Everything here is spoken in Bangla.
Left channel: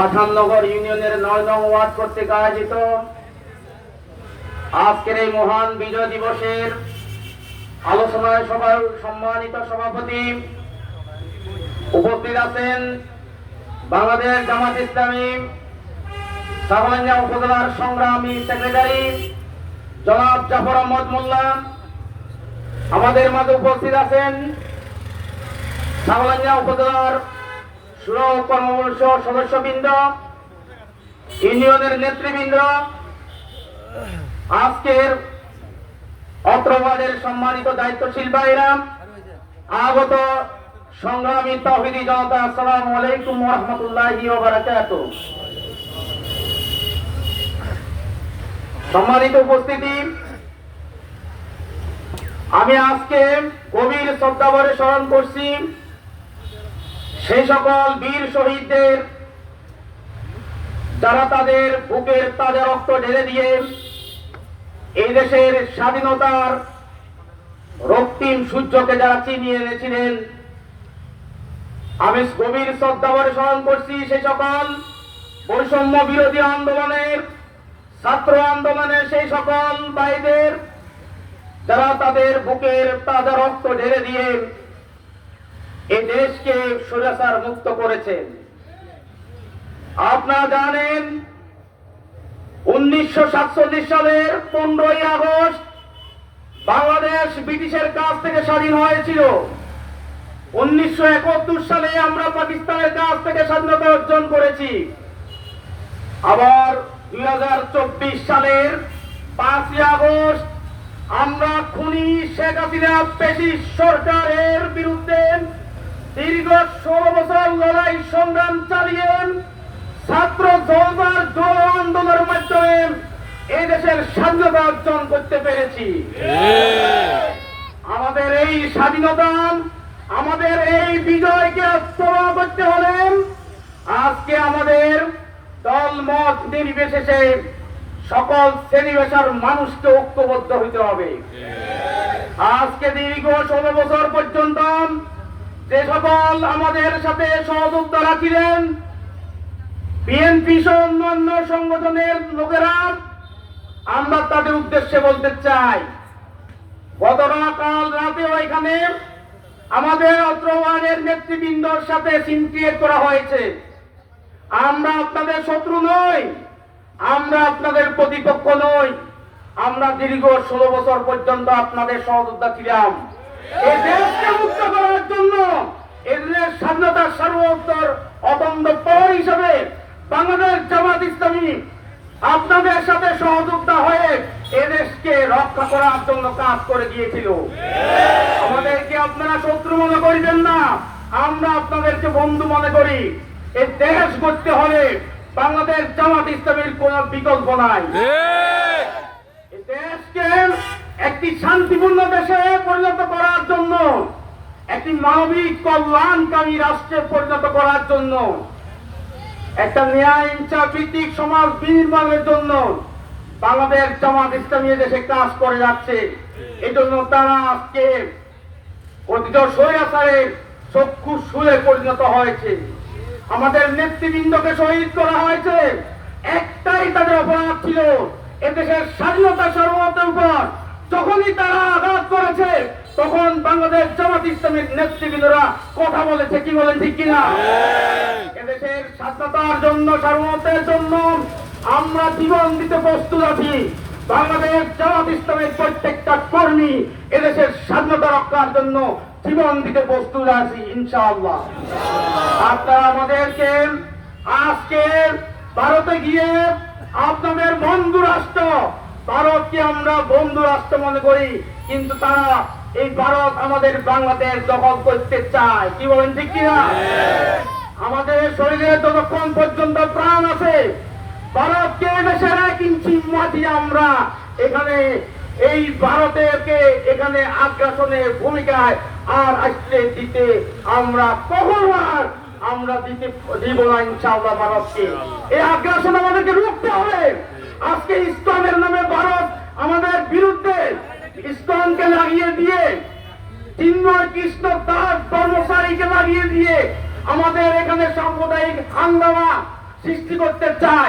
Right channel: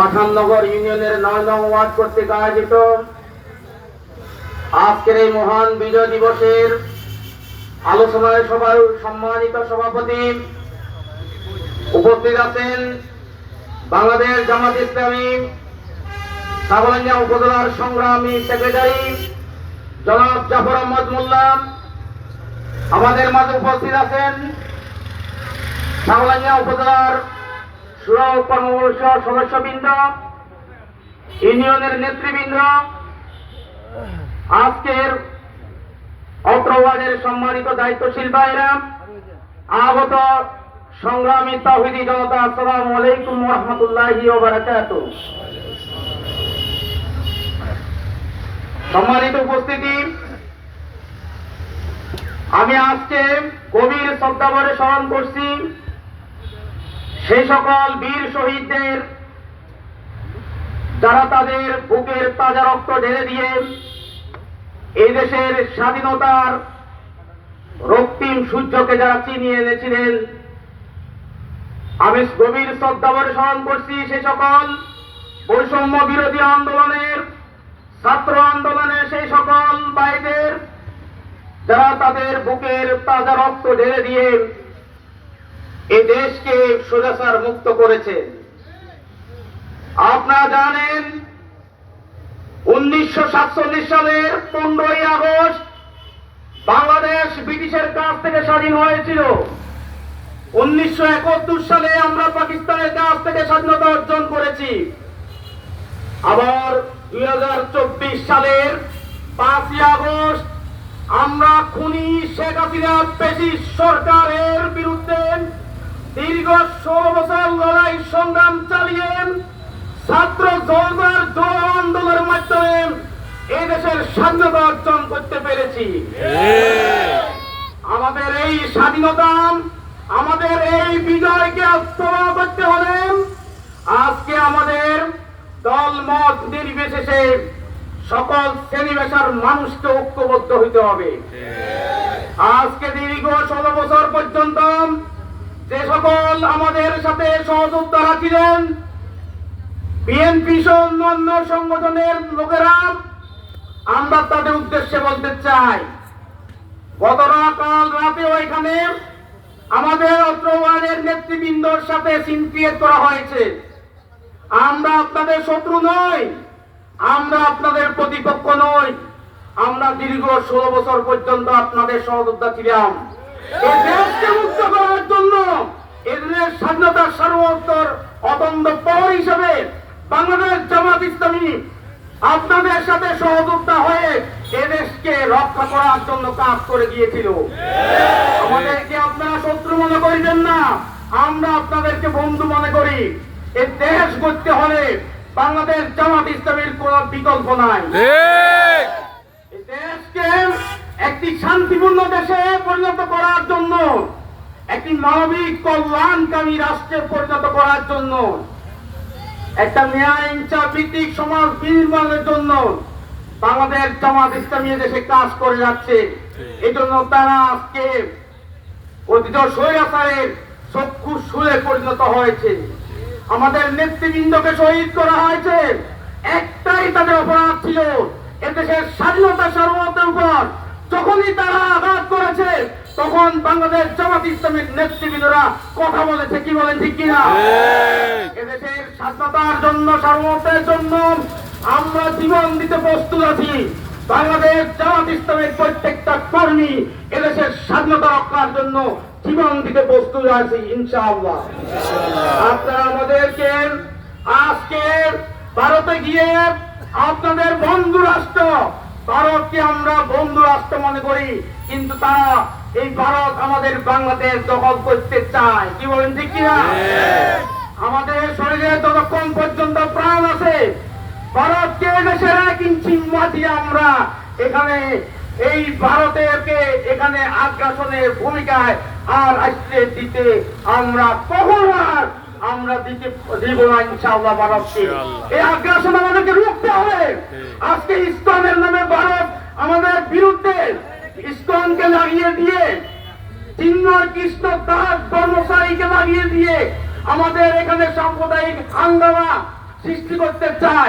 পাঠাননগর ইউনিয়নের ৯ নং ওয়ার্ড কর্তৃক আয়োজিত আজকের এই মহান বিজয় দিবসের আলোচনা সভার সম্মানিত সভাপতি উপস্থিত আছেন বাংলাদেশ জামাত ইসলামী ছাগলনাইয়া উপজেলার সংগ্রামী সেক্রেটারি জনাব জাফর আহমদ মোল্লা। আমাদের মাঝে উপস্থিত আছেন ছাগলনাইয়া উপজেলার কর্মবর্ষ সদস্যবৃন্দ, ইউনিয়নের নেতৃবৃন্দ, আজকের অত্র ওয়ার্ডের সম্মানিত দায়িত্বশীল ভাইরা, আগত সংগ্রামী তাওহীদি জনতা, আসসালামু আলাইকুম ওয়া রাহমাতুল্লাহি ওয়া বারাকাতুহু। সম্মানিত উপস্থিতি, আমি আজকে গভীর শ্রদ্ধাভরে স্মরণ করছি সেই সকল বীর শহীদদের যারা তাদের বুকের তাজা রক্ত ঢেলে দিয়ে এই দেশের স্বাধীনতার রক্তিম সূর্যকে যারা চিনিয়ে এনেছিলেন। আমি গভীর শ্রদ্ধাভরে স্মরণ করছি সেই সকল বৈষম্য বিরোধী আন্দোলনের, ছাত্র আন্দোলনের সেই সকল ভাইদের যারা তাদের বুকের তাজা রক্ত ঢেলে দিয়ে এই দেশকে স্বৈরাচার মুক্ত করেছেন। আপনারা জানেন 1947 সালের 15ই আগস্ট বাংলাদেশ ব্রিটিশের কাছ থেকে স্বাধীন হয়েছিল। 1971 সালে আমরা পাকিস্তানের কাছ থেকে স্বাধীনতা অর্জন করেছি। আবার 2024 সালের 5ই আগস্ট আমরা খুনি শেখ হাসিনা ফ্যাসিস্ট সরকারের বিরুদ্ধে দীর্ঘ 16 বছর লড়াই সংগ্রাম চালিয়ে ছাত্র জনতার জন আন্দোলনের মাধ্যমে এই দেশের স্বাধীনতা অর্জন করতে পেরেছি। আমাদের এই স্বাধীনতা, আমাদের এই বিজয়কে আত্মা করতে হলে আজকে আমাদের দল মত নির্বিশেষে সকল শ্রেণী পেশার মানুষকে ঐক্যবদ্ধ হতে হবে। আজকে দীর্ঘ 16 বছর পর্যন্ত যে সকল আমাদের সাথে সহযোগিতা ছিলেন বিএনপি সহ অন্যান্য সংগঠনের লোকেরা, আমরা তাদের উদ্দেশ্যে বলতে চাই, গতকাল রাতে ওইখানে আমাদের অত্র ওয়ার্ডের নেতৃবৃন্দর সাথে সিন ক্রিয়েট করা হয়েছে। আমরা আপনাদের শত্রু নই, আমরা আপনাদের প্রতিপক্ষ নই। আমরা দীর্ঘ 16 বছর পর্যন্ত আপনাদের সহযোদ্ধা ছিলাম এই দেশকে মুক্ত করার জন্য। এদের স্বাধীনতার সার্বভৌমত্বের অখণ্ড প্রহরী হিসেবে বাংলাদেশ জামাত ইসলামী আপনাদের সাথে সহযোদ্ধা হয়ে এদেশকে রক্ষা করার জন্য কাজ করে গিয়েছিল। আমাদেরকে আপনারা শত্রু মনে করবেন না, আমরা আপনাদেরকে বন্ধু মনে করি। এই দেশ গড়তে হলে বাংলাদেশ জামাত ইসলামীর কোন বিকল্প নাই। এই দেশকে একটি শান্তিপূর্ণ দেশে পরিণত করার জন্য, একটি মানবিক কল্যাণকামী রাষ্ট্রে পরিণত করার জন্য, একটা ন্যায় ইনসাফ ভিত্তিক সমাজ নির্মাণের জন্য বাংলাদেশ জামাত ইসলামী দেশে কাজ করে যাচ্ছে। এই জন্য তারা আজকে অতীত স্বৈরাচারের চক্ষু শুলে পরিণত হয়েছে। আমাদের নেতৃবৃন্দকে শহীদ করা হয়েছে। একটাই তাদের অপরাধ ছিল, এদেশের স্বাধীনতা সার্বভৌমত্বের উপর যখনই তারা আঘাত করেছে তখন বাংলাদেশ জামাত ইসলামীর নেতৃবৃন্দরা কথা বলেছে, কি বলেন ঠিক কিনা? এদেশের স্বাধীনতার জন্য, সার্বভৌমত্বের জন্য আমরা জীবন দিতে প্রস্তুত আছি। বাংলাদেশ জামাত ইসলামের প্রত্যেকটা কর্মী এদেশের স্বাধীনতা রক্ষার জন্য জীবন দিতে প্রস্তুত আছি ইনশাআল্লাহ। আপনারা আমাদেরকে আজকে ভারতে গিয়ে আপনাদের বন্ধু রাষ্ট্র, ভারতকে আমরা বন্ধু রাষ্ট্র মনে করি, কিন্তু তারা এই ভারত আমাদের বাংলাদেশ দখল করতে চায়, কি বলেন ঠিক কিনা? আমাদের শরীরে যতক্ষণ পর্যন্ত প্রাণ আছে ভারতকে দেশের 1 ইঞ্চি মাটি আমরা এখানে এই ভারতেরকে এখানে আগ্রাসনের ভূমিকায় আর আসতে দিতে আমরা কখনো আমরা দিব না ইনশাআল্লাহ। ভারতকে এই আগ্রাসন আমাদেরকে রুখতে হবে। আজকে ইসলামের নামে ভারত আমাদের বিরুদ্ধে ইসলামকে লাগিয়ে দিয়ে, চিন্ময় কৃষ্ণ দাস ব্রহ্মচারীকে লাগিয়ে দিয়ে আমাদের এখানে সাম্প্রদায়িক হাঙ্গামা সৃষ্টি করতে চায়।